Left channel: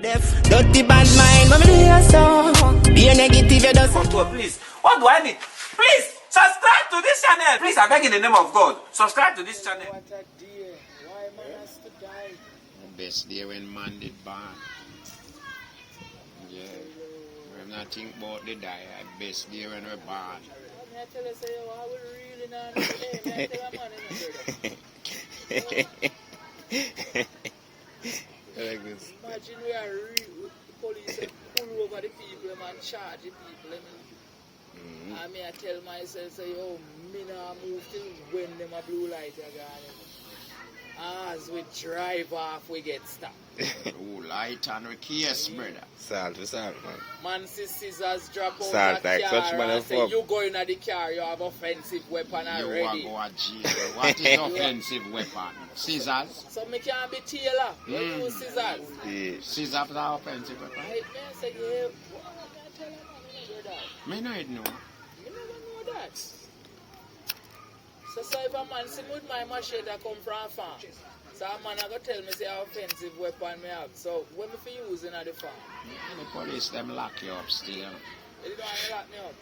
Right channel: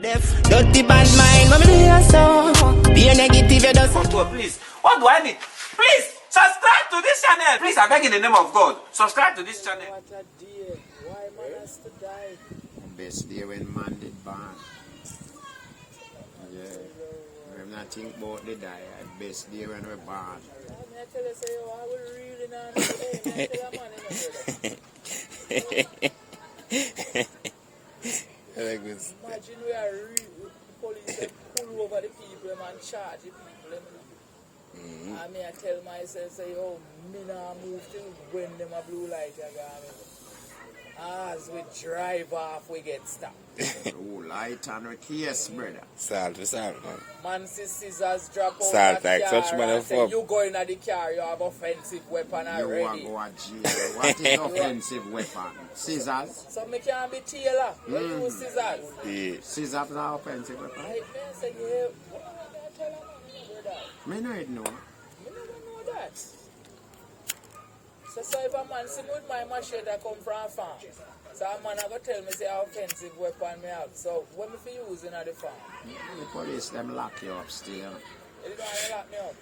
Dirty bad mind, what me do you so? Be a negative, you just. Please, what do I need? Please, subscribe to this channel. Please, I beg in the name of God, subscribe to this channel. What a day. Why man has to die? The best day when man did born. Yeah. When I think about the die, the best day when we're born. I tell you, say, yo, I will really not say, tell a man in the Imagine we are the police pull over the people and charge the people. I mean, I tell myself, say, yo, me nah move till when them a blue light again. As we drive off, we get stopped. Blue light and we case, brother. Salt, man. Man, scissors drop out Salt, the like car such man and of say, fuck. you go in the car, you have offensive weapon already. You are go to jail. What is offensive weapon? Scissors? So me can't be tailor. You use scissors. Yeah. Scissors are offensive weapon? I say, what I tell a man in the brother? Me know it no. Me never know that. So if a man see me with my machete that come from a farm, so a man go tell me say how offensive weapon me have. So what me for using at the farm? The police them lock you up still. You gonna lock me up?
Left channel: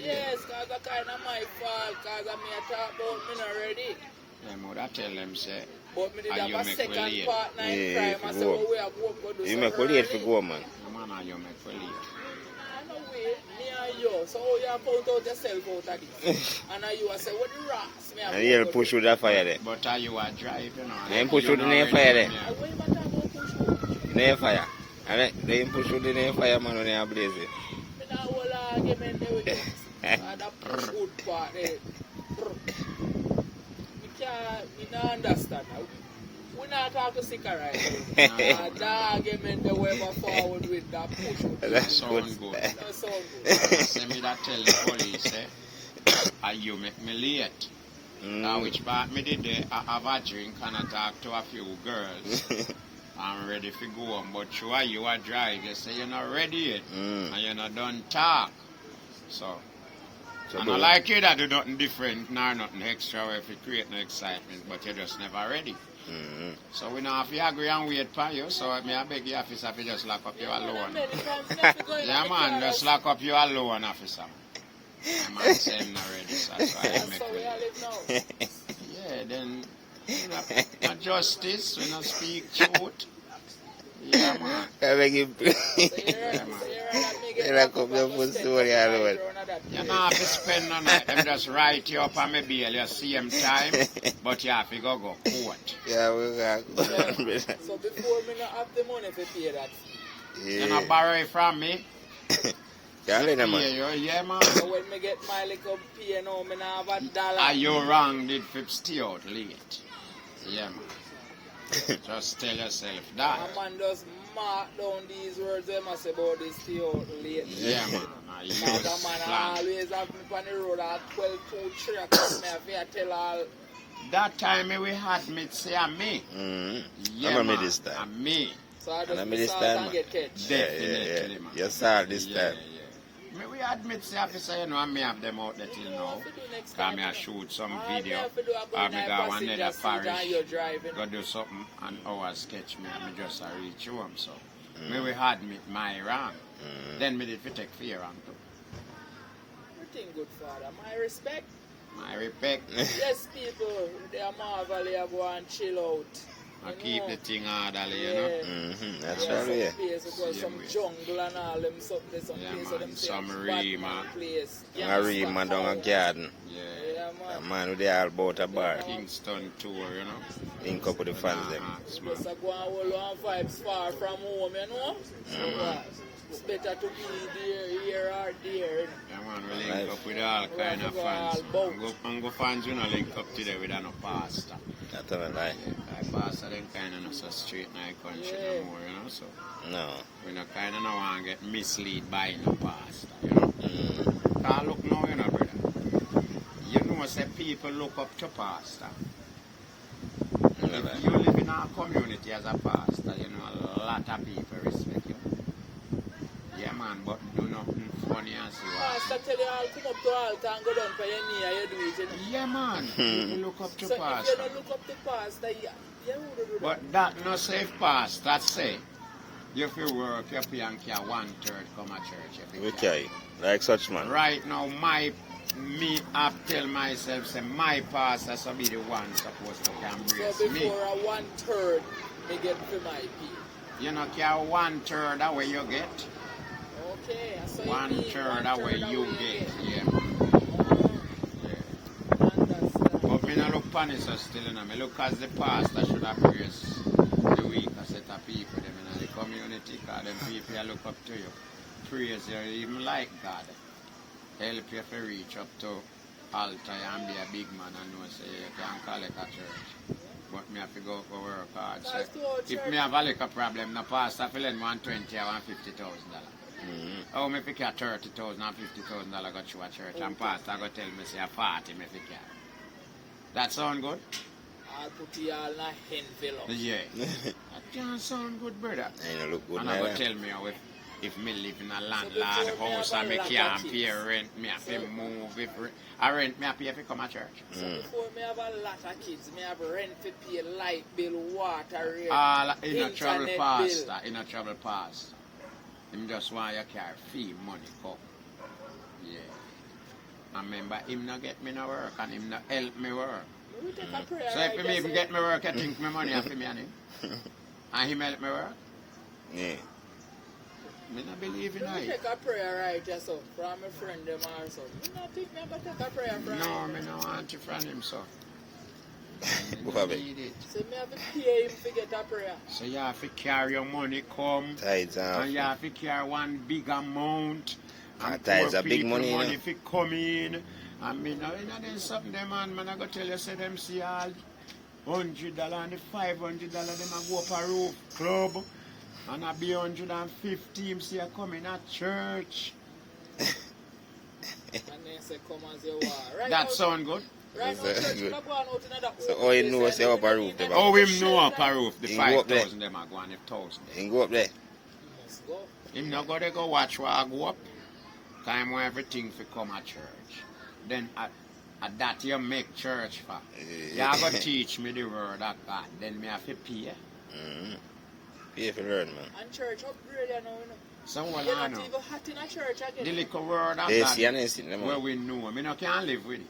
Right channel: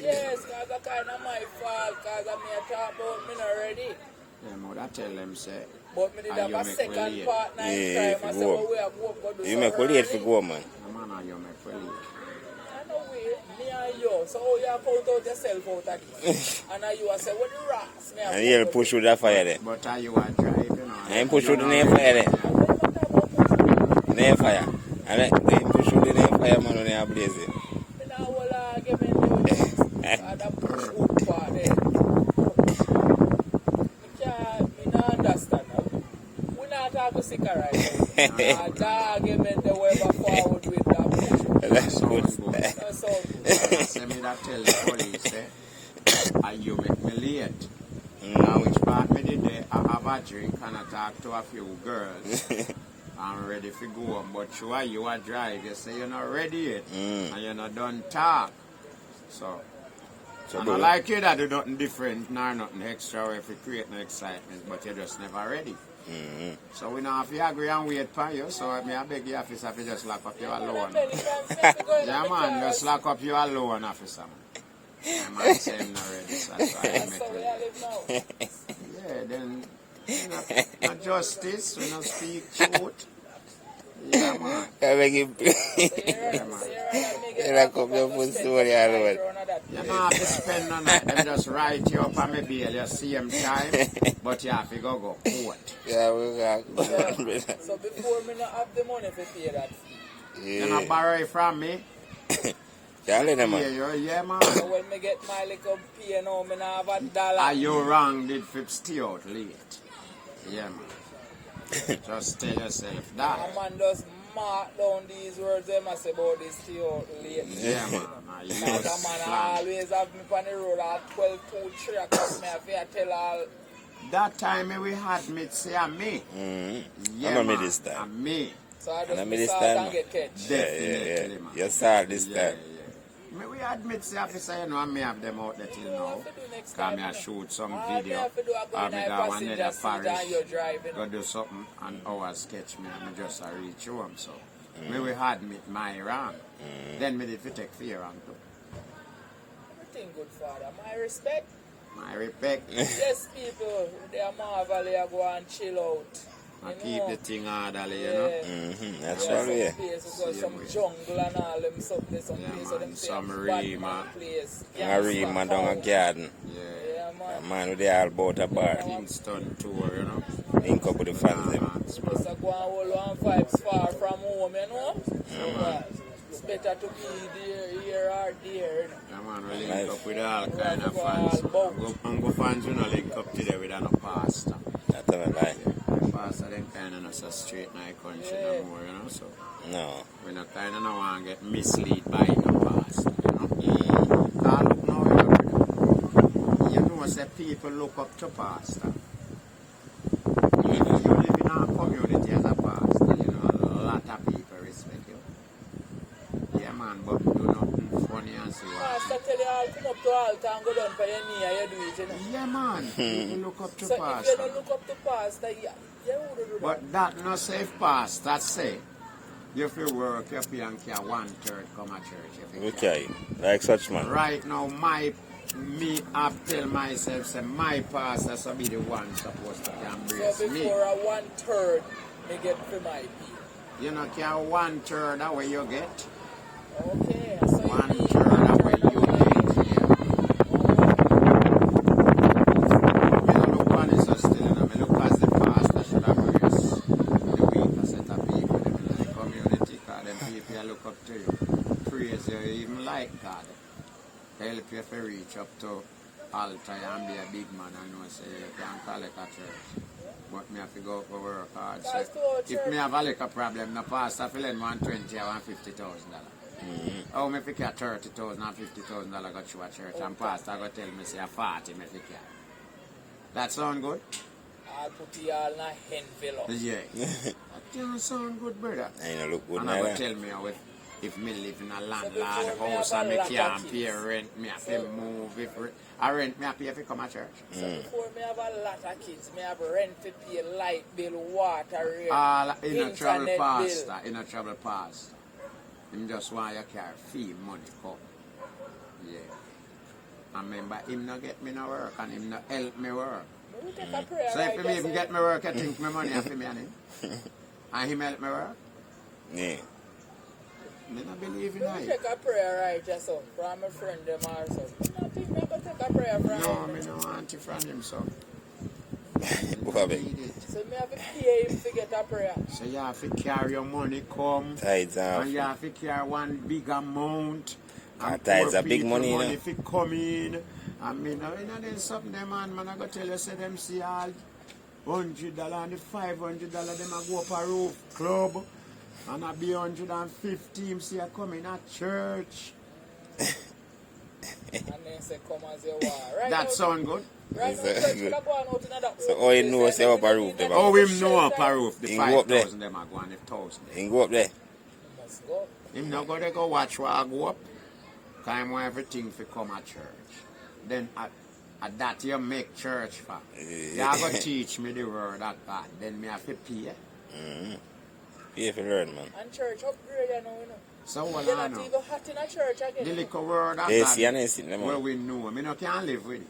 Yes, cause that kind of my fault, cause I may talk about me already. Them would I tell them say, But me did and have you a make second relate. partner Yeah, in crime. I if said, you well, we have work to do. You make relate for go, man. No man, you make relate. I know way, me and you. So you have count out yourself out of this. And you I say, what the rocks? Me And you push through that fire there. But are you a drive, you know? And push through the near fire there. Near fire. And they push through the near fire, man, when they are blazing. Me now hold argument with this. And that push out part there. Me not understand. We not talk to sicker right now. And the argument they were forward with that push out. That's Sound good. good. That sound good. Say me that tell the police, and you make me late. Now which part me did there, I have a drink and I talk to a few girls. I'm ready to go home, but sure you are drive, you say you're not ready yet, and you're not done talk. So I don't like you that do nothing different, nor nothing extra if you create no excitement, but you're just never ready. So we don't have to agree and wait for you, so I beg you officer if you just lock up you alone. Yeah man, just lock up you alone, officer. My man say I'm not ready, so that's why I make it. Yeah, then you know, not justice, we don't speak truth. Yeah man. I beg you. Yeah man. They lock up your foot story alone. You don't have to spend no night, them just write you up on my bail, you see him time, but you have to go court. Yeah, we got So before me not have the money to pay that fee. You not borrow it from me. Yeah, man. Yeah man. So when me get my little pay now, me not have $1. Are you wrong, did Fip stay out late? Yeah man. Just tell yourself that. A man just mark down these words they must say about this stay out late. Yeah man. Because a man always have me on the road at 12 to 3 o'clock. Me have to tell all. That time we had me say a me. Yeah, I'm a me man, this time. a me. So I And just I miss this out time, and get catch. Definitely, man. Yes, sir, this Yeah, time. yeah. Me we admit say officer, you know, and me have them out there till now. Cause me I shoot some video. Or me go another parish. Go do something and hours catch me and me just reach home. So me we had me my wrong. Then me did fi take fear wrong too. Everything good, Father. My respect. My respect. Yes, people, they are marvel, they are go and chill out. I You keep know? the thing orderly, you know. That's Some right, yeah. places got some jungle and all them something, some Yeah, place man, them say some bad real, man man. place. I read man down a garden. Yeah. Yeah, A man. man with the all about a bar. Kingston tour, you know. Link up with the fans. Just go and hold on vibes far from home, you know? So, it's better to be here or there. Yeah, man, we link up with all kind of fans. And go fans, you know, link up today with no pastor. That's not a lie. The pastor, them kind of not so straight in our country no more, you know. So No. we not kind of not want to get misled by the pastor, you know. Now look now, you know, brother. You know, say people look up to pastor. If you live in our community as a pastor, you know, a lot of people respect you. Yeah, man, but do nothing funny and see what. Pastor tell you all come up to altar and go down for your knee and you do it, you know? Yeah, man, people look up to So if you pastor. don't look up to pastor, you would do that. But that no safe pastor say. You feel work, you pay and care 1/3 come a church. We tell you, like such man. Right now, I tell myself, say my pastor should be the one supposed to embrace So me. before a 1/3, they get for my pay. You know, care 1/3 that way you get. Okay, so 1/3 that way you get, yeah. But me no look on it so still, you know. Me look as the pastor should embrace the weaker set of people them in the community, because them people look up to you. Praise you, even like God. Help you to reach up to altar and be a big man and know say you can collect a church. But me have to go for work hard. So if me have a liquor problem, the pastor will lend $120,000 or $150,000. Oh, me pick a $30,000 and $50,000 go to a church and pastor go tell me say a 40 me pick. That sound good? I'll put you all in a envelope. Yeah. That can't sound good, brother. I look good And now. I go tell me how if me live in a landlord house and me can't pay rent, me have to move. If I rent, me have to pay if you come to church. So before me have a lot of kids, me have rent to pay, light bill, water rate, All in a travel internet pastor, bill. in a travel pastor. Him just want you carry fee money come. Yeah. And remember, him not get me no work and him not help me work. We take a prayer, So if right, him even just get me work, I think my money for me and him. And him help me work. Yeah. Me not believe in so we it. take a prayer, right, just so, from a friend them also. I think me have to take a prayer from No, him. me no want to from him, so. What happened? Need it. So me have to pay him to get a prayer. So you have to carry your money come. Tides off. And you have to carry one big amount. And Tides poor are big people money, you know. if it come in. And me now, you know, there's something them man I go tell you, say them see all $100 and the $500 them a go up a roof club. And I be 150 him see you coming at church. And then say, come as you are. Right That now, sound good? right now, Yes, church good. not going out in that So all you know is open up a place, roof, and Oh, him know up shelter. a roof. The He go up there. 5,000 them are going, the 1,000. You go up there. You must go. Him not go there go watch where I go up. Time where everything fi come at church. Then at that you make church for. You are going to teach me the word of God. Then me have to pay. Pay for learn, man. And church upgrade, you know. So what You're I not know. even hot in a church again. The little word of Yes, you God understand, man. where we know. Me no can live with it.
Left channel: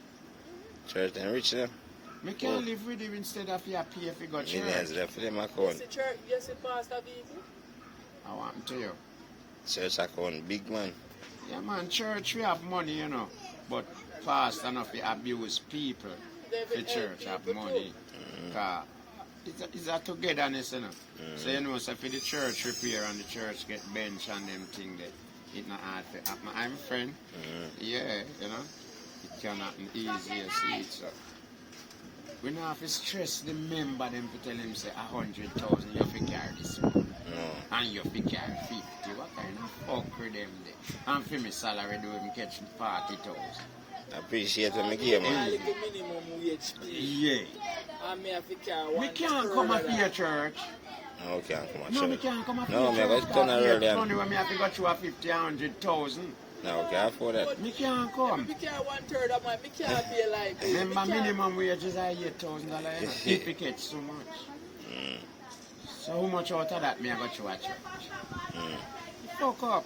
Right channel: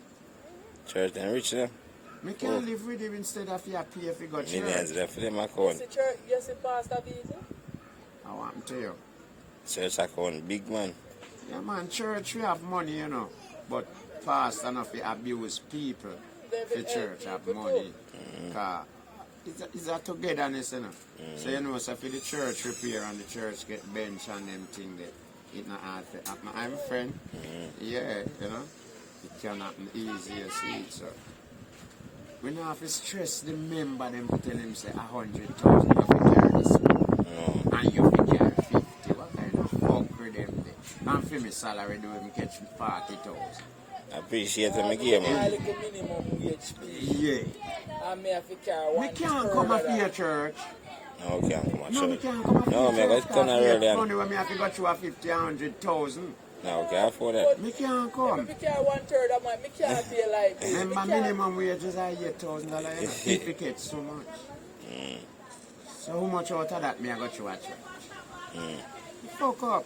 Church and rich, you know. Me can live with it instead of you pay if you go You guys church. got for them Yes, account. the church, yes, the pastor vehicle. I want to tell you. Church account, big man. Yeah man, church we have money, you know. But pastor enough to abuse people. The church have money. Cause it's a togetherness, you know. So you know, so for the church repair and the church get bench and them thing that it not hard to happen. I'm a friend. Yeah, you know. It can happen easy as it, so. We don't have to stress the member them to tell him say 100,000 you have to carry this and you have to carry 50. What kind of fuckery them there? And for me salary do him catch 40,000. I appreciate when I give, I man. like a minimum wage pay. Yeah. And me have to carry We can't come up here church. No, we can't come on No, we church. can't come up No, here man, church. let's come Cause early here and- money when me have to go through a 50, 100,000. No, we can't afford that. Me can't come. Me carry 1/3 of my, me can't pay like this. Remember Me can't- minimum wages are $8,000 you know, if it gets so much. So how much out of that me I go to a church? Fuck up.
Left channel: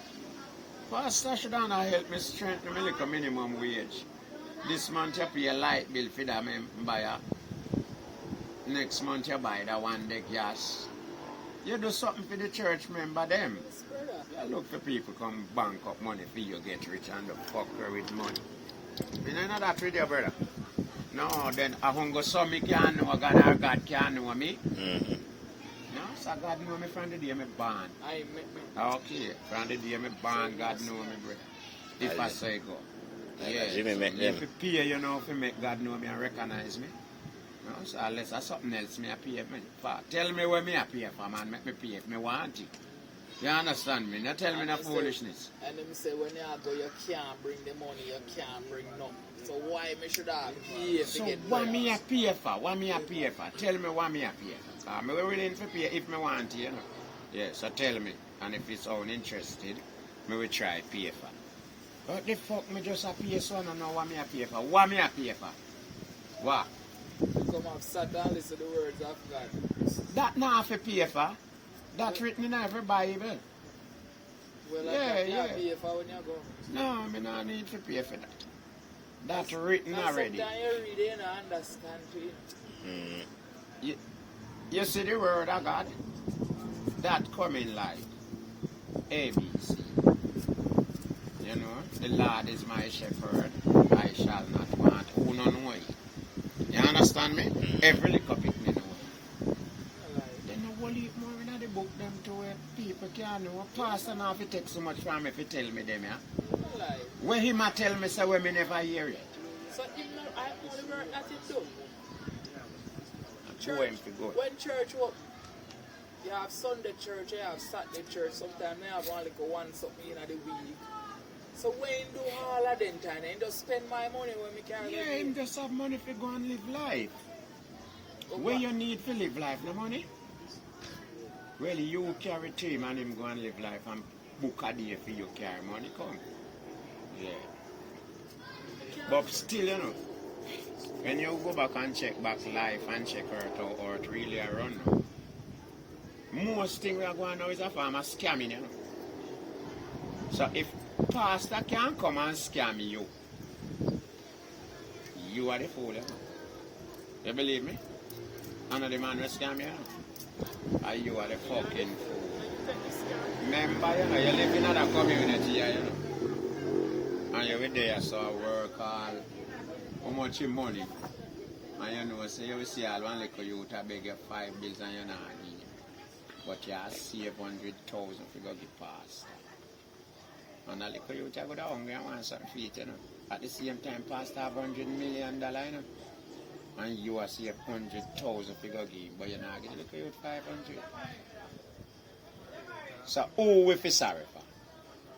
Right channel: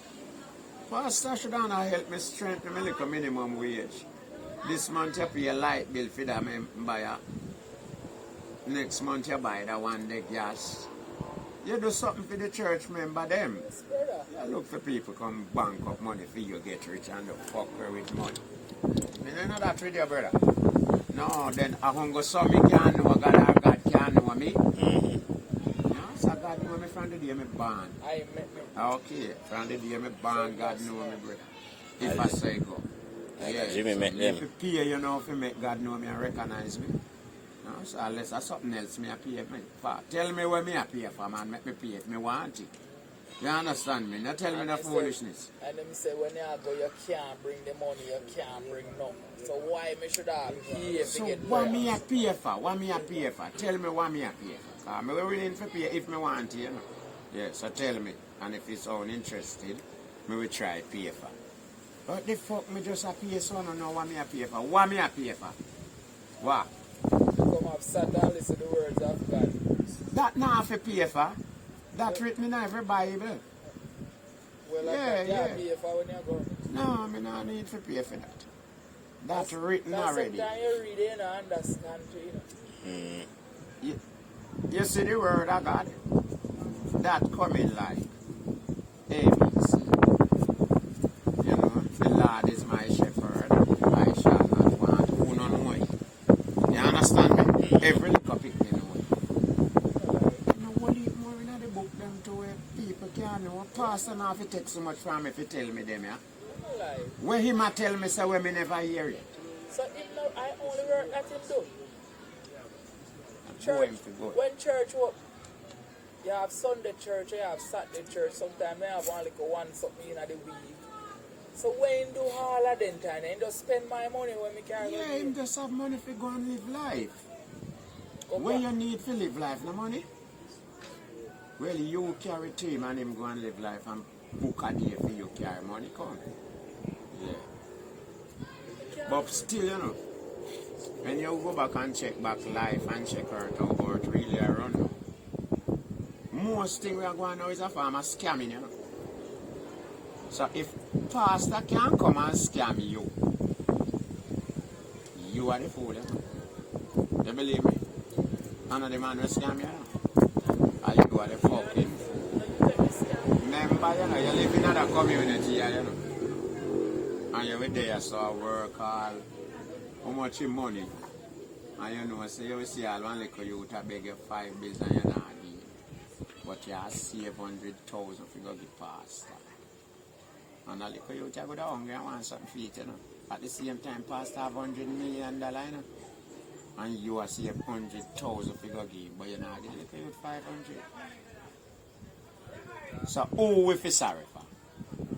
Pastor should not help me strengthen my little minimum wage. This month you pay a light bill for that me buy a. Next month you buy that one day gas. You do something for the church member them. Yes, brother. You look for people come bank up money for you get rich and the fucker with money. You know that with you, brother? No, then I won't go so me can't know God or God can't know me. No, so God know me from the day me born. I met me. Okay, from the day me born, God know me, brother. If I say go. Yeah, Jimmy so make me them. if you pay, you know, if you make God know me and recognize me. No, so unless there's something else me I pay me for. Tell me where me I pay for, man, make me pay if me want it. You understand me? Not tell me no foolishness. And them say when you go, you can't bring the money, you can't bring nothing. So why me should have pay to So get what money? me a pay for? What me a pay for? Tell me what me a pay for. Cause me willing to pay if me want to, you know. Yeah, so tell me. And if it's uninterested, me will try pay for. But the fuck me just a pay so I don't know what me a pay for. What me a pay for? What? You come have sat and listen to the words of God. That not have to pay for. That's written in every Bible. Well, Yeah, I can't yeah. pay for when you go. No, I mean, I need to pay for that. That's written Because already. sometimes you read it and understand too. You see the word of God? That coming like ABC. You know, the Lord is my shepherd. I shall not want. Who no know it. You understand me? Every little pick me know it. You know, what leave more in the book them to where people can know. Pastor now if it takes so much from me if he tell me them, yeah? Like, When him a tell me so when me never hear it. so him not, I only work that him do. Go him to go. When church open, you have Sunday church, you have Saturday church, sometimes you have only one something in the week. So when you do all of them time, you just spend my money when we carry Yeah, him just have money for go and live life. Okay. When you need to live life, no money? Well, you carry team and him go and live life and book a day for you carry money come. Yeah. But still, you know, when you go back and check back life and check earth how earth really a run now, most thing we are going now is a form of scamming, you know. So if pastor can come and scam you, you are the fool, you know. You believe me? Another man will scam you, you know. Or you are the fucking fool. Remember, you know, you live in another community, you know. And you were there, so work all, how much your money. And you know, so you will see all one little youth to beg you 5 bills and you're not give it. But you have saved 100,000 if you go get past. And a little youth you go down hungry and want something to eat, you know. At the same time, pastor have $100 million, you know. And you are saved 100,000 if you go give, but you're not giving little youth 500. So who we feel sorry for?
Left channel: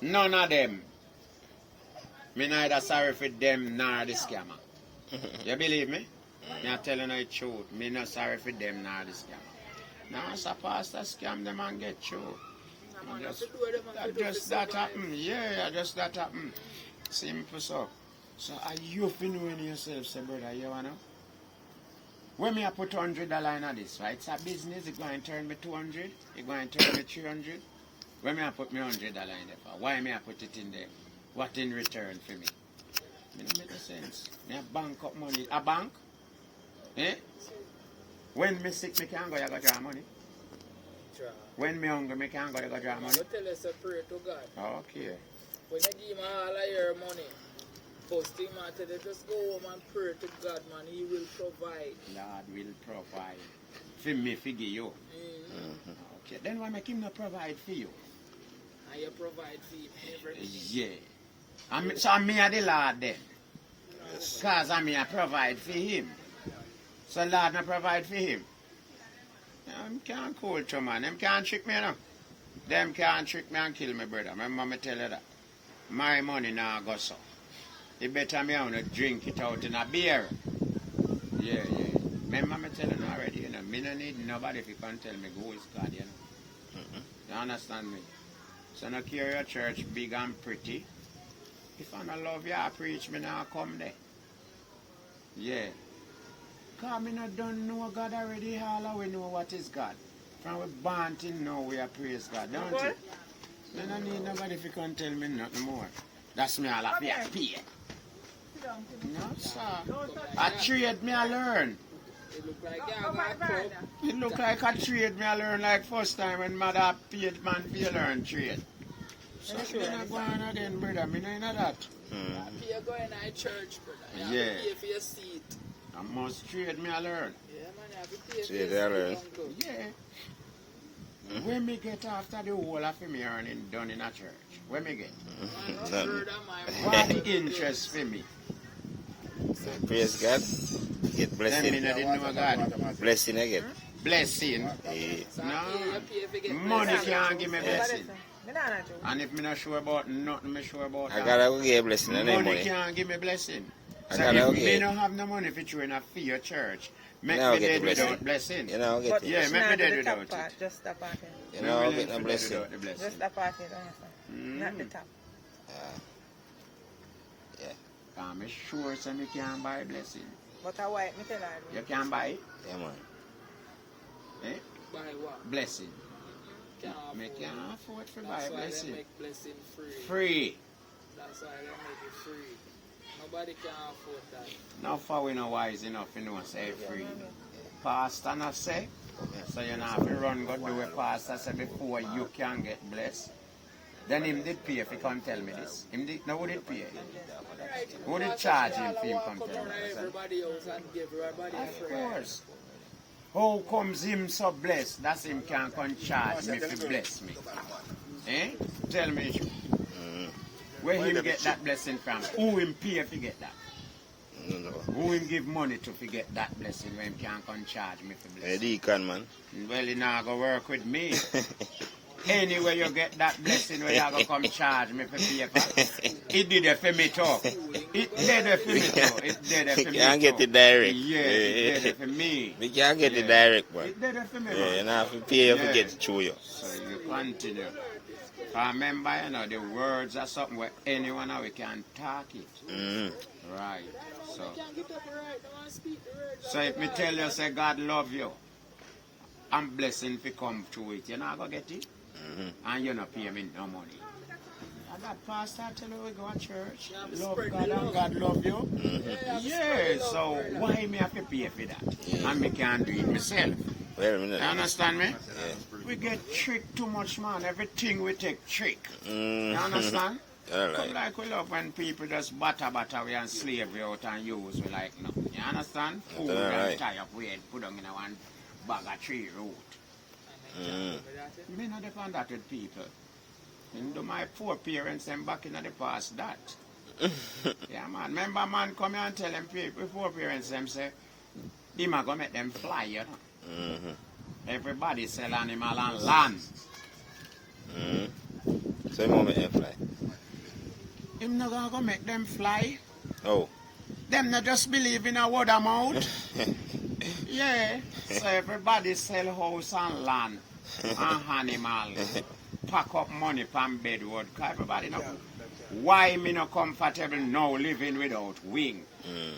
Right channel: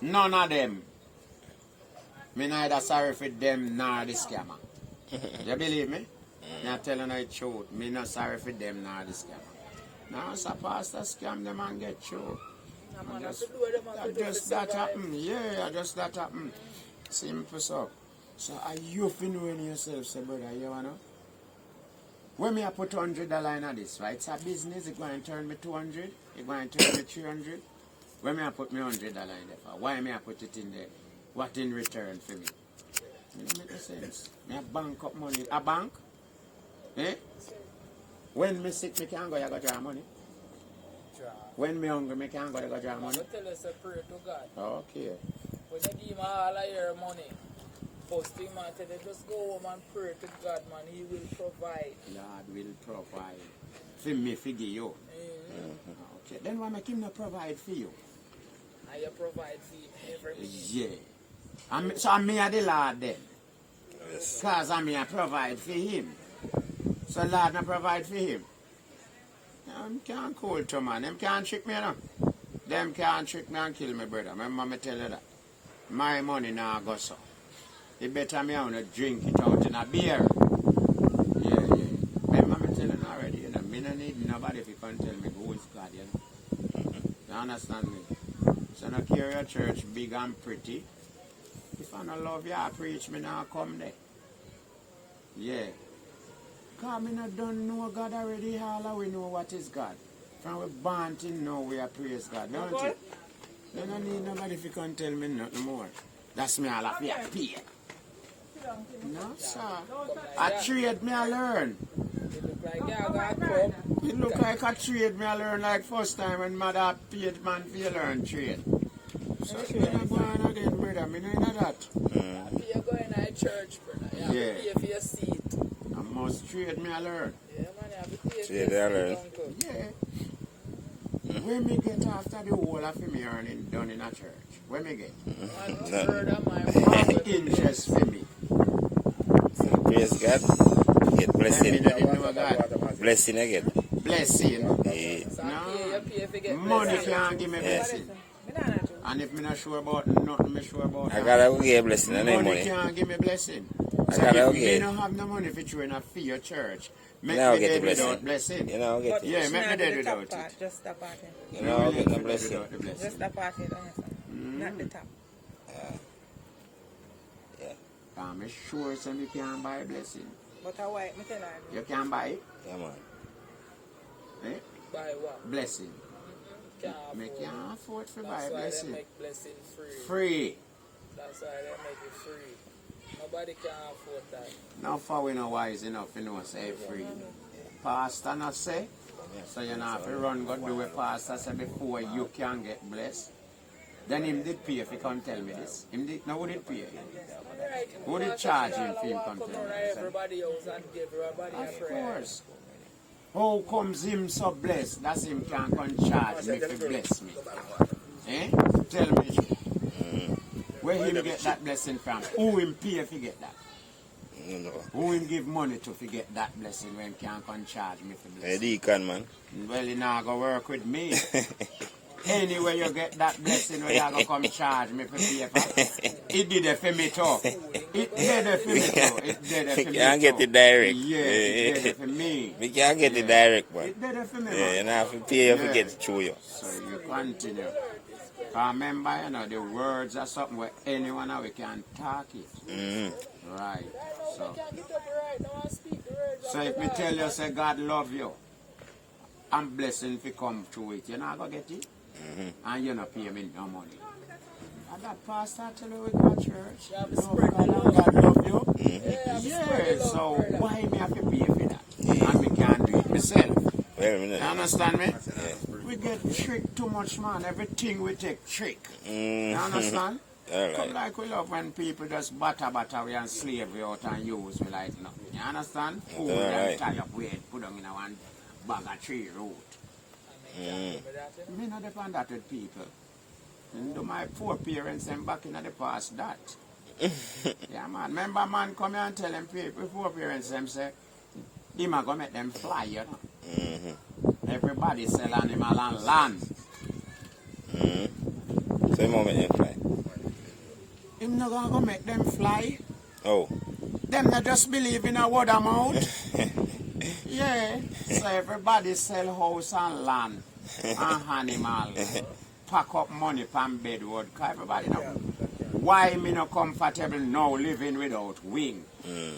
None of them. Me neither sorry for them nor the scammer. You believe me? Me telling you the truth. Me not sorry for them nor the scammer. Now so pastor scam them and get through. Just that happen. Yeah, just that happen. Simple so. So are you feeling yourself, say brother, you wanna? When me I put $100 in this, right? It's a business, it's going to turn me 200, it's going to turn me 300. When me I put me $100 in there for? Why me I put it in there? What in return for me? It don't make no sense. Me a bank up money. A bank? Eh? When me sick, me can't go draw money. When me hungry, me can't go draw money. I tell you, say pray to God. Okay. When you give him all of your money, first thing man tell you, just go home and pray to God, man. He will provide. Lord will provide. For me, for you. Okay. Then why make him not provide for you? And you provide for him every minute. Yeah. So I'm me the Lord then. Yes. Because I'm here provide for him. So Lord not provide for him. Them can't call to man. Them can't trick me now. Them can't trick me and kill me, brother. Remember me tell you that. My money now go so. You better me want to drink it out in a beer. Yeah. Remember me tell you already, you know. Me no need nobody if you can't tell me who is God, you know. You understand me? So not care your church big and pretty. If I don't love you, I preach, me now come there. Yeah. Because me not don't know God already, all we know what is God. From we born to know we are praise God, don't you? You don't need nobody if you can't tell me nothing more. That's me all of you pay. No, sir. I trade me I learn. It look like you got a club. It look like a trade me I learn like first time when mother paid man for you learn trade. So me not going again, brother. Me not know that. You're going to church, brother. You have Yeah. to pay for your seat. I must trade me I learn. Yeah, man, you have to pay for Trade your you learn. seat, uncle. Yeah. When me get after the whole of me earning done in a church? When me get? I'm not sure that my What the interest for me? Praise God. Get Then me blessing. not didn't know God. Blessing again. Blessing. Yeah. So No. you pay for get Money blessed. can't give me blessing. And if me not sure about nothing, me sure about I that. gotta go get blessing. I need Money money. can't give me blessing. I So gotta if okay. me don't have no money for you in a for your church, make Now me get dead the blessing. without blessing. You know, get But it. Yeah, it's make me not dead the top without part, it. just the part. You know, get the Dead blessing. without the blessing. Just the part, you understand? Not the top. Yeah. I'm sure so me can buy blessing. But I white, me tell her. You can buy it? Yeah, man. Eh? Buy what? Blessing. Me can't afford to buy That's a why they blessing. make blessing free. Free. That's why they make it free. Nobody can afford that. No for we no wise enough, you know, say free. Pastor not say. So you know have to run go do what pastor say before you can get blessed. Then him did pay if he come tell me this. Him did no who did pay? Who did charge him if him come tell me this? Everybody else and give everybody a Of prayer. course. How comes him so blessed? That's him can come charge me to bless me. Eh? Tell me the truth. Where him get that blessing from? Who him pay if he get that? Who him give money to get that blessing when him can't come charge me for Hey, blessing? deacon, man. Well, he not go work with me. Anyway, you get that blessing where you go come charge me for paper. It did it for me too. It did it for me too. It did it for me too. Can't get it direct. Yeah, it did it for me. We can't get it Yeah. direct, man. It did it for me, Yeah, man. you know, have to pay if you Yeah. get it through you. So you continue. Remember, you know, the words are something where anyone now we can talk it. Mm-hmm. Right. So, Can't get up right now and speak the words. so if me tell you, say God love you, I'm blessing if you come through it, you're not going to get it. And you not pay me no money. And that pastor tell you we go to church. Love God and God love you. Yeah, so why me have to pay for that? And me can't do it myself. Well, You understand me? We get tricked too much, man. Everything we take trick. You understand? All Come right. like we love when people just butter we and slavery out and use we like nothing. You understand? Food Alright. and tie up weight, put on in a one bag of tree root. Me not depend that with people. And do my poor parents them back in the past that. Yeah man. Remember man come here and tell them people poor parents them say him a go make them fly, you know. Everybody sell animal and land. So, you want me to fly? Him not gonna go make them fly. Oh. Them not just believe in a word of mouth. Yeah. So everybody sell house and land and animal. Pack up money from bedwood. Cause everybody know why me not comfortable now living without wing.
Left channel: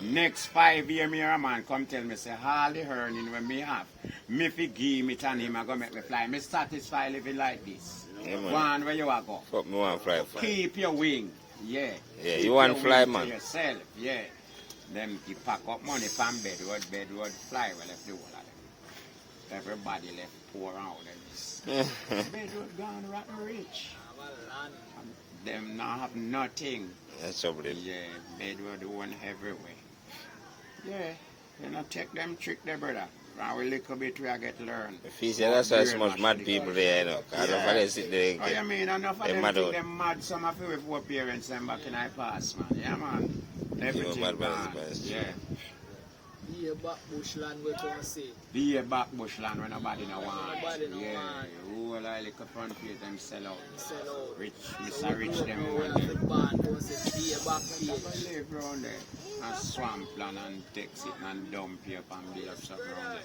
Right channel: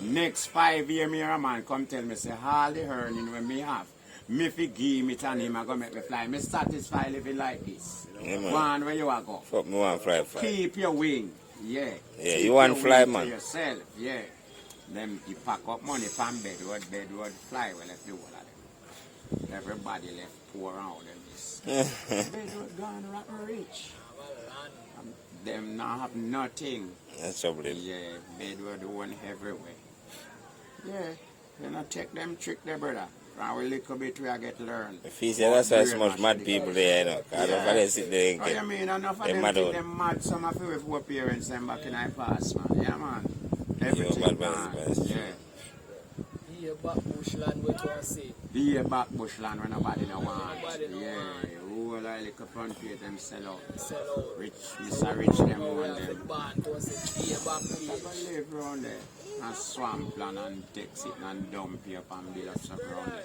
Next 5 years me a man come tell me say all the earning when me have. Me fi give it and him a go make me fly. Me satisfied living like this. Yeah, man. One where you a go. Fuck me want fly. Keep your wing. Yeah. Yeah, Keep you want your fly, wing man. to yourself. Yeah. Them you pack up money from bedwood fly. Well, left the whole of them. Everybody left poor out and this. Bedwood gone rotten rich. Them not have nothing. That's trouble. Yeah, bedwood one everywhere. Yeah. You not take them trick there, brother. From a little bit we get learn. If you say that's why so much mad people there, you know. Because Yeah. if they sit there and Oh, you mean enough of They them mad think out. them mad, some of you poor parents them back in our past, man. Yeah, man. bad Everything boys, gone. boys. Yeah. Be a back bushland we can say. Be a back bushland when nobody no want. Nobody no Yeah. want. Who like little front page them sell out. Sell out. Rich, Mr. Rich them We want have the them. band to say be a back Never page. live around there. And swamp land and take it and dump you up and build up stuff around there.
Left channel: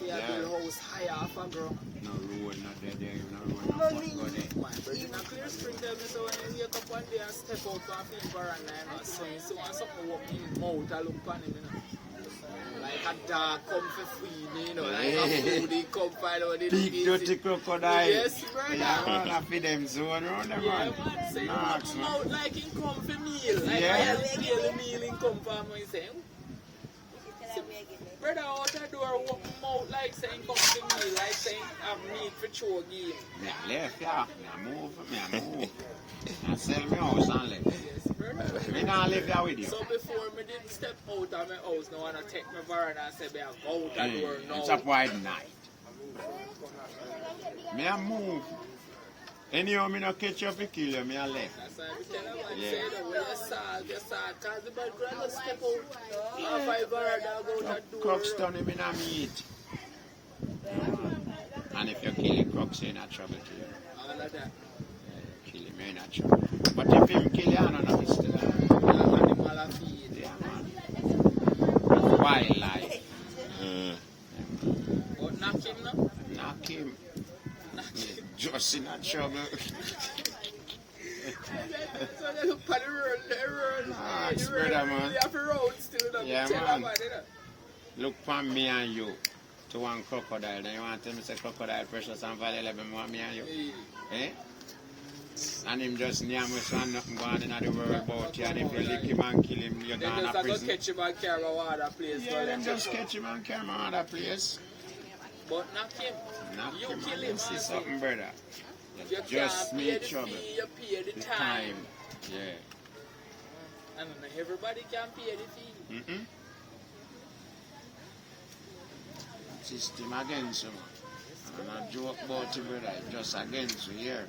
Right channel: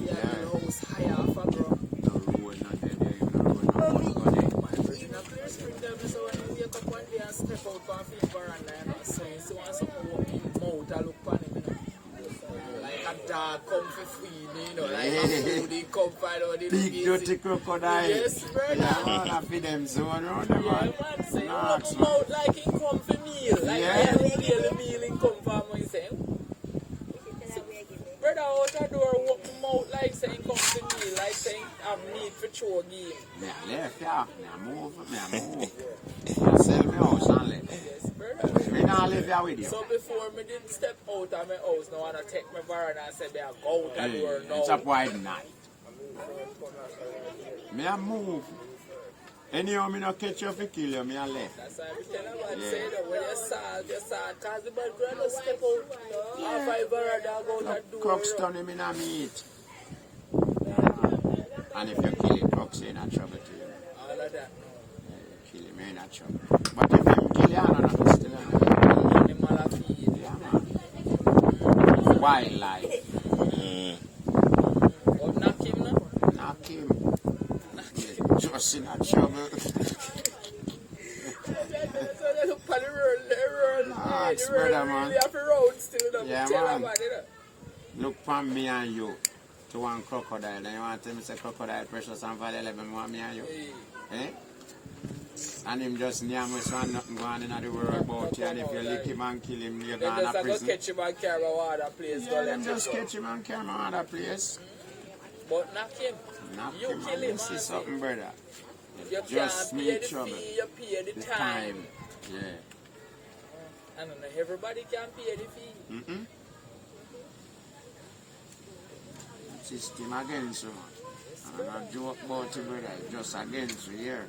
We have the house higher off a ground. No road not there, there, no road not go there. My brother in a clear spring there, so when you wake up one day and step out from the veranda and not so you see when something walk in his mouth and look on him, you know. Like a dog come for feed, you know, like a food he come find out the Big dirty crocodile. Yes, brother. Yeah, man, I feed them zone around them, Yeah, man. man, say, Nah, look him out like he come for meal. Like Yeah. daily meal he come for me, say. Brother out the door, walk him out like saying come for meal, like saying have meat for chore game. Me a left, yeah. Me a move. I sell me house and live. Yes, brother. Me not live here with you. So before me didn't step out of my house, now I take my veranda and say, me I go out the door now. It's a wide night. Me a move. Anyhow, me no catch you for kill you, me a left. That's why I tell you what Yeah. say that when you saw, cause the bad girl just step out. Half my veranda go out the door. Crooks turn him in a meat. And if you kill him, crooks in a trouble to you. All of that. Kill him in a trouble. But if him kill you, I don't know still. Animal a feed. Yeah, man. Wildlife. But knock him now. Knock him. Just in a trouble. So they look for the road, Nah, the it's road better, man. really have a road still. Yeah, Tell man. them, you know. Look for me and you. to one crocodile. Then you want to tell me say crocodile precious and value 11 want me and you? Eh? And him just name us one nothing going in the world about you, and if you lick him and kill him, you're going to prison. Catch him and carry him other place. Yeah, them just catch him and carry him other place. But knock him. Knock You him kill and him, you see man. something, brother. You Just can't pay need the trouble. fee, you pay the time. Yeah. I don't know, everybody can pay the fee. Mm-mm. System against you, man. I'm not joke about it, brother. It's just against you here.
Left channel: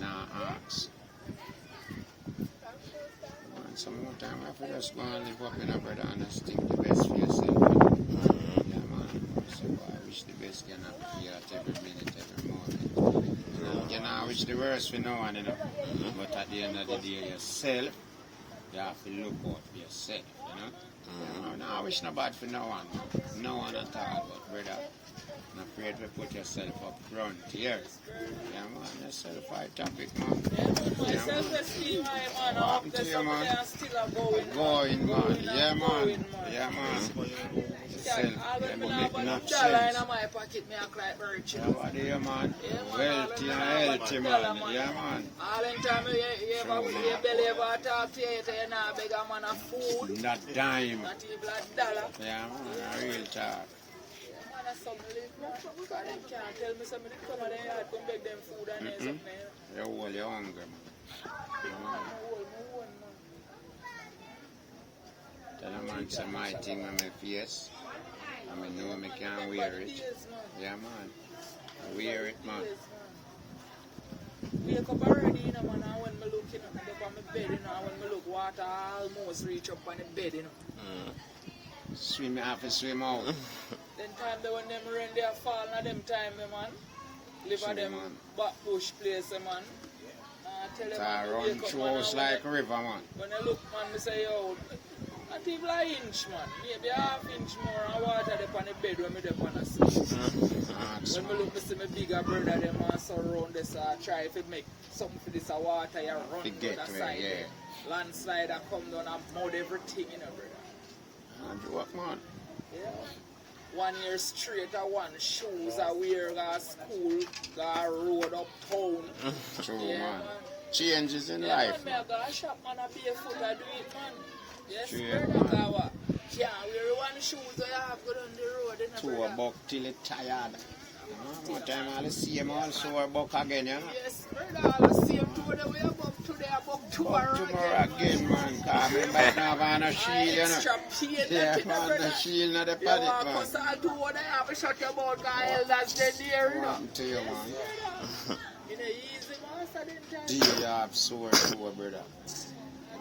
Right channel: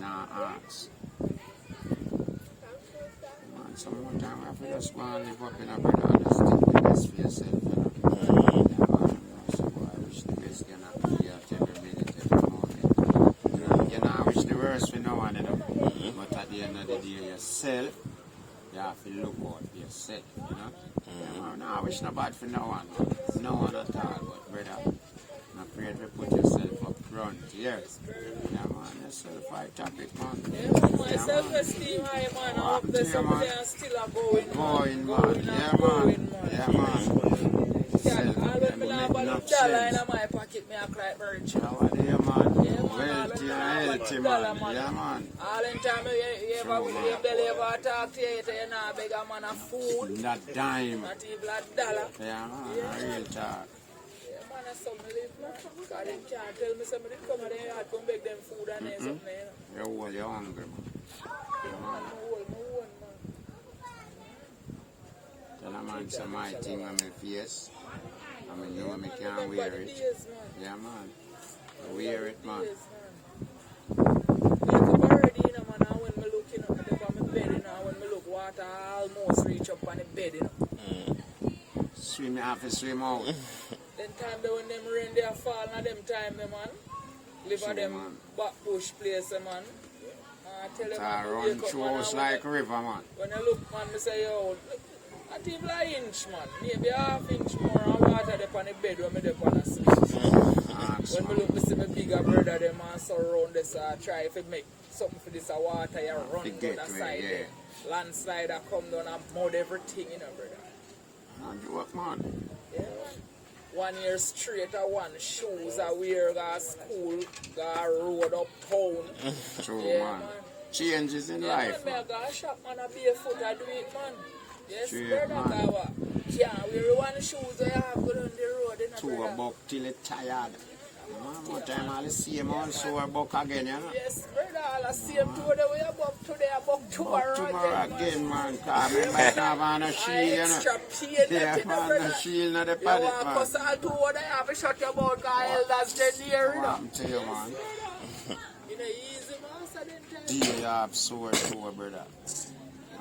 Now ask. Man, some more time I feel just go and live up in a brother and just think the best for yourself. Yeah, man. So I wish the best can happen here at every minute, every moment. You know, I wish the worst for no one, you know. But at the end of the day, yourself, you have to look out for yourself, you know. No, I wish no bad for no one. No one at all, but brother. Not afraid to put yourself up front here. Yeah, man, you're self-fight topic, man. Yeah, Self-esteem high, man. I hope to that you, some of man. them are still going, Going, man. Yeah, man. Yeah, man. Self, Always them me now make about enough the dollar sense. in my pocket, me act like virtue. How are you, man? Wealthy and healthy, man. Yeah, man. All the time you ever belly ever talk to you, you know, beg a man of food, Not dime. not even a dollar. Yeah, man. A real talk. Yeah, man, that's something because them can't tell me somebody come and they come beg them food and something. You're all you're hungry, man. Yeah, man. Tell a man some my thing on my face. I mean, know me can't wear it. Yeah, man. I wear it, man. Like a bird, you know, man, and when me look, you know, up on my bed, you know, when me look, water almost reach up on the bed, you know. Swim, you have to swim out. Then time they when them rain they are fall, now them time, man. Live at them man. back bush place, man. Tell them, I man, run wake up, through man, house and like a river, man. when I look, man, I say, yo, not even an inch, man. Maybe half inch more of water there on the bed when I dey on the sleep. Ask, When I man. look, I see my bigger brother, them man surround this, try to make something for this water, you run To down get the to it, side yeah. there. Landslide, I come down and mud everything, you know, brother. And do what, man? Yeah. 1 year straight, I want shoes, I wear, go school, go road uptown. True, Yeah, man. man. Changes in Yeah, life, man, man. I go shop, man, I barefoot, I do it, man. Yes, True, brother, man. I what? Yeah, wear one shoes, I have go down the road, you know, Two brother. buck till it tired. Man, what time I'll see him also a buck again, you know? Yes, brother, all the same two the way I buck today, I buck tomorrow, Tomorrow again, man. Cause I might not have no shield, you know? Extra pain, Yeah, nothing, man, brother. the shield of the You paddock, want man. cuss all two what I have a shut your mouth, cause elders get there, you know. I'm tell you, man. You know, easy, man, so them time. Deal up sore, brother. I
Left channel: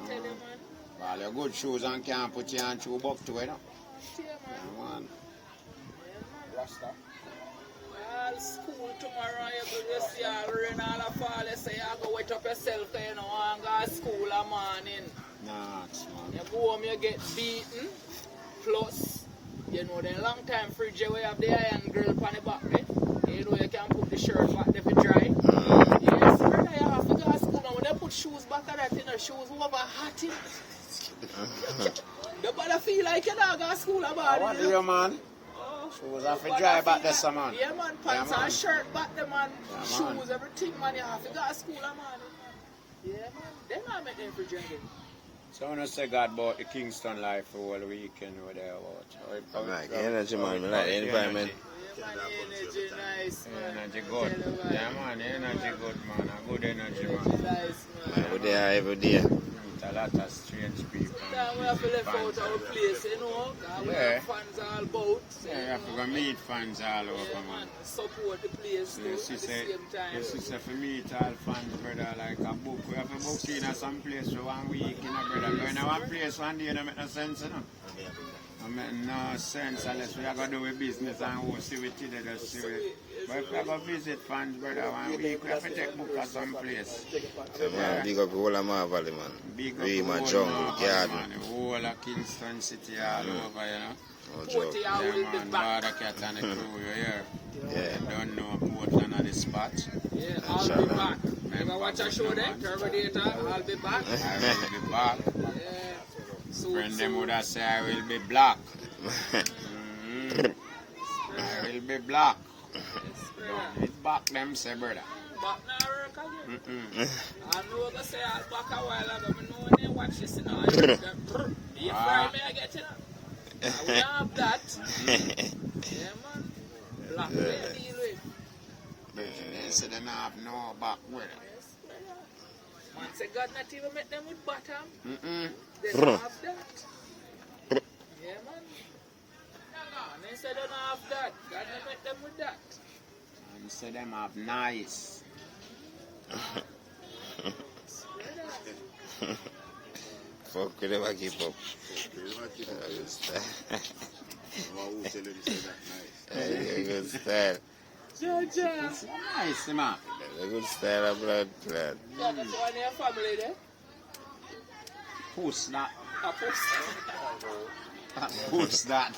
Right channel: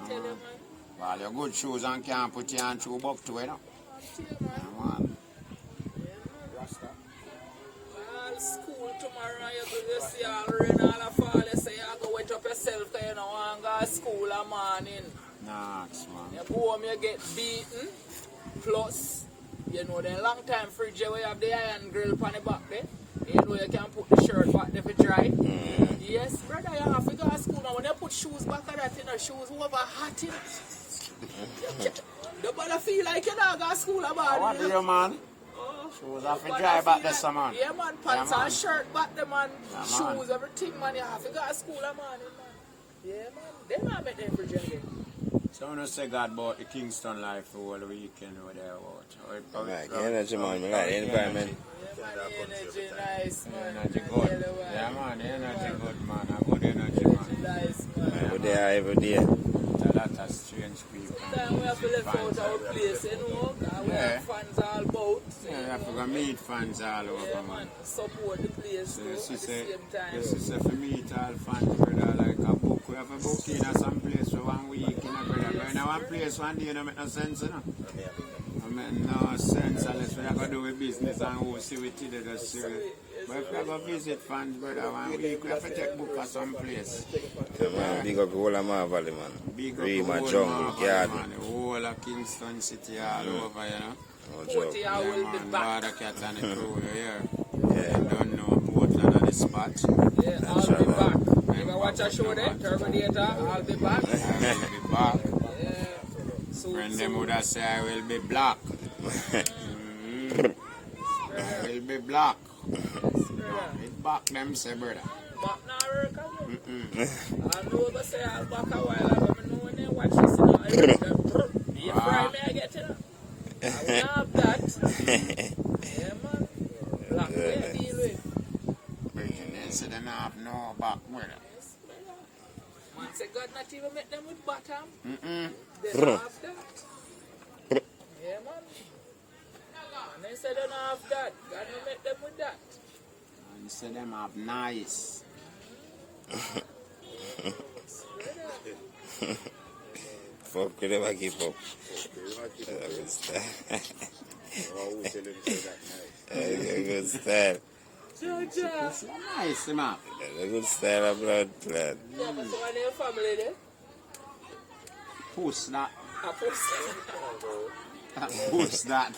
tell you, man. Well, your good shoes and can't put you on two buck too, you know? I tell you, man. Yeah, man. All school tomorrow, you go see all rain, all the fall, you say you go wet up yourself, cause you know, want to go to school a morning. Nah, man. You go home, you get beaten, plus, you know, the long time fridge where you have the iron grill on the back there, you know, you can put the shirt back there for dry. Yes, brother, you have to go to school now. When you put shoes back at that, you know, shoes over hot, you better feel like you're not going to school about What it. do you, man? Shoes have to dry back there, some man. Yeah, man, pants Yeah, man. and shirt back there, man. Yeah, Shoes, man. everything, man. You have to go to school, man. Yeah, man. They not make them fridge again. So when I say God bought the Kingston life for all the weekend over there, what? Right, the energy, man. I like the environment. Yeah, man, energy nice, man. Energy I good. tell you what. Yeah, man, the energy good, man. A good energy, man. Nice, man. I go there every day. A lot of strange people. Sometimes we have to left out our place, you know. 'Cause we Yeah. have fans all about. So, Yeah, you have to go meet fans all over, yeah, man. man. Support the place So too, you at see, the same time. you see, for meet all fans, brother, like a book. We have to book in at some place for 1 week, you know, brother. But in one place one day, don't make no sense, you know. I mean, no sense unless we are going to do with business and we'll see it today, just see it. But if we are going to visit fans, brother, 1 week, we have to take book at some place. So, man, big up the whole of my valley, man. Big up Really, the my whole jungle, Marble, garden. man, the whole of Kingston City all over, you know. No 40 joke. hours Yeah, will be man, back. Border Cat and the crew, you hear? Yeah. Don't know Portland on the spot. Yeah, I'll sure, be man. back. If I watch a show there, Terminator, I'll be back. I will be back. Yeah. So, Friend them would have say I will be black. be black. It back them say, brother. Back now work again. I know go say I'll back a while ago. I know when they watch this now. I heard that. You fry me, I get you now. I will have that. Yeah, man. Black way to deal with. They say they don't have no back, brother. Yes, brother. Man say God not even make them with bottom. Mm-mm. They don't have that. Yeah, man. And they say they don't have that. God not make them with that. And say them have nice. Fuck, we never keep up. Good style. Georgia. It's nice, man. Good style of blood clot. Yeah, because when your family there. Push that. I post. Push that.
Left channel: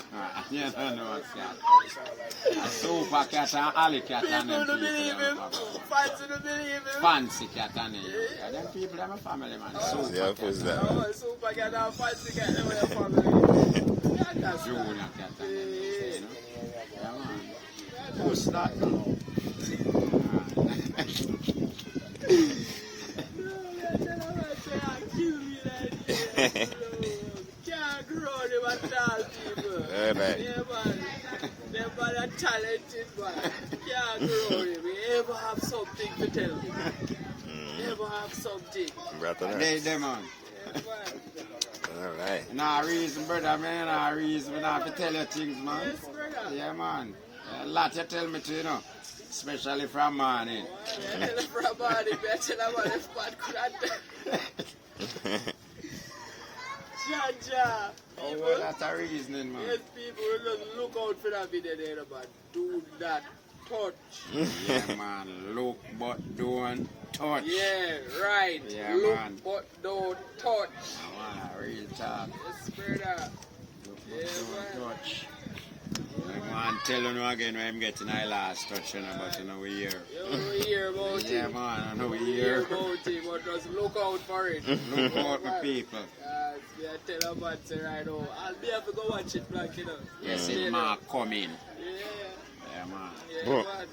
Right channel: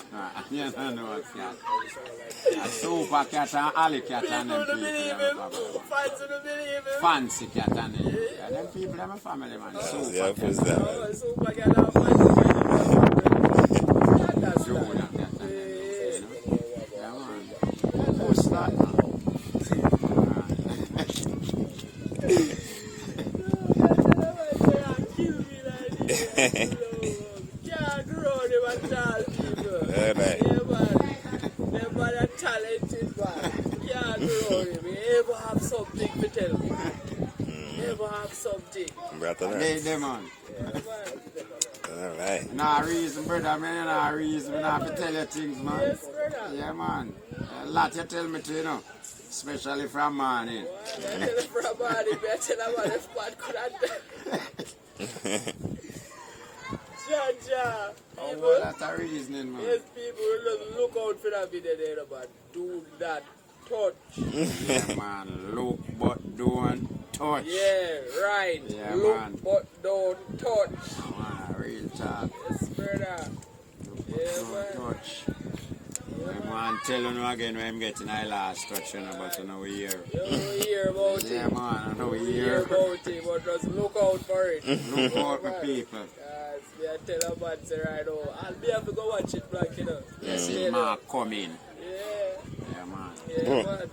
You don't know what's that. A super cat and alley cat and them people. Fans don't believe him. Fancy cat and them. Yeah, them people are my family, man. Super Yeah, push that. Oh, super cat and fancy cat and family. That's Junior right. cat and them. You know? Yeah, man. Push that. Can't grow them at all, people. Yeah, man. Yeah, man. Them man are talented, man. Can't grow them. You ever have something to tell me? You ever have something? Brother, They, nice. them, man. Yeah, man. Alright. Nah reason, brother, man. Nah reason. I have to tell you things, man. Yes, brother. Yeah, man. A lot you tell me to, you know. Especially from morning. I tell you for a body, I tell you about this man could have done. Georgia. Oh, People, well, that's a reasoning, man. yes, people will look out for that video there, man. Do not touch. Yeah, man. Look, but don't touch. Yeah, right. Yeah, Look, man. but don't touch. Man, real talk. Yes, brother. Look, but Yeah, don't man. touch. Man, tell you again when I'm getting my last touch, you know, but you know we here. You don't hear about Yeah, it. man, I know we You hear here. about it, but just look out for it. Look out for people. Yes, me I tell you about it right now. I'll be able to go watch it back, you know. Yes, Yeah, it man coming. Yeah, Yeah, man. yeah, Bro. man.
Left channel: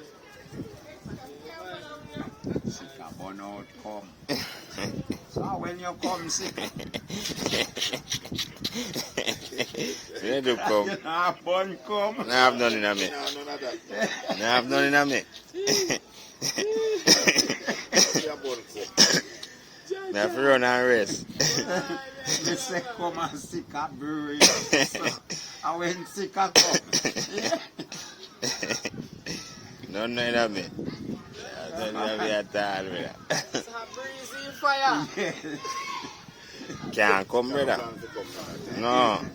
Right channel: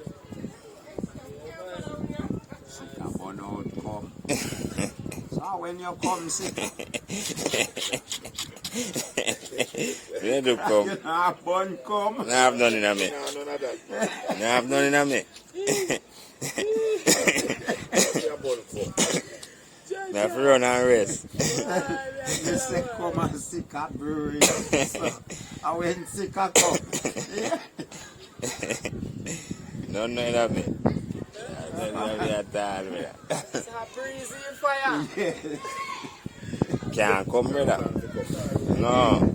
Yeah, man. Sick a burn out come. So when you come sick, You do come. you know, burn come. Nah, have none in a me. Nah, have none in a me. Nah, for run and race. They say come and sick a brewery. So I went sick a come. Yeah. None in a me. None in a me at all, brother. It's a breezy fire. Can't come, brother. No.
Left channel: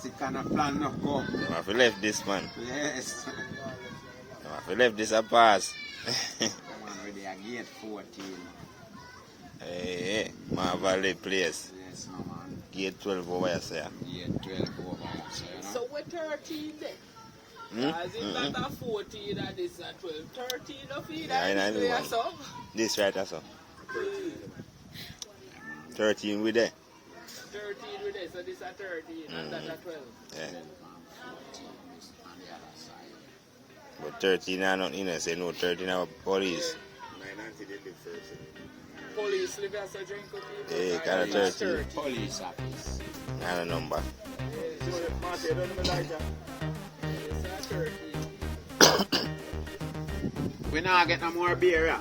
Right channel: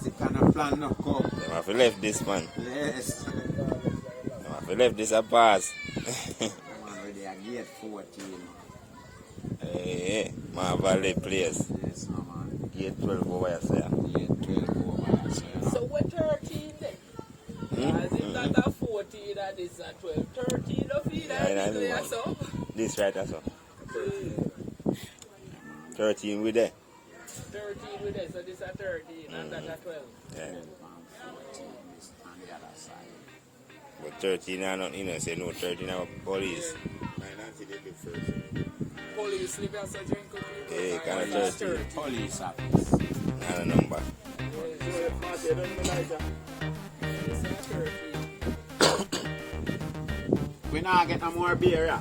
Sick and a plan no come. I have to left this, man. Yes. I have to left this a pass. Man, ready a gate 14. Hey, my valid place. Yes, no man. Gate 12 over here, sir. Gate 12 over there. So we're 13 then. As if that a 14 and this a 12. 13 of it. I know, man. So. This right, that's all. 13 with there. 13 with it, so this a 13 and that a 12. Yeah. But 13 are not, you know, say no 13 are police. Police live as a drink of people. Yeah, kind of 13. Police office. Not a number. It's a 13. We not get no more beer, yeah?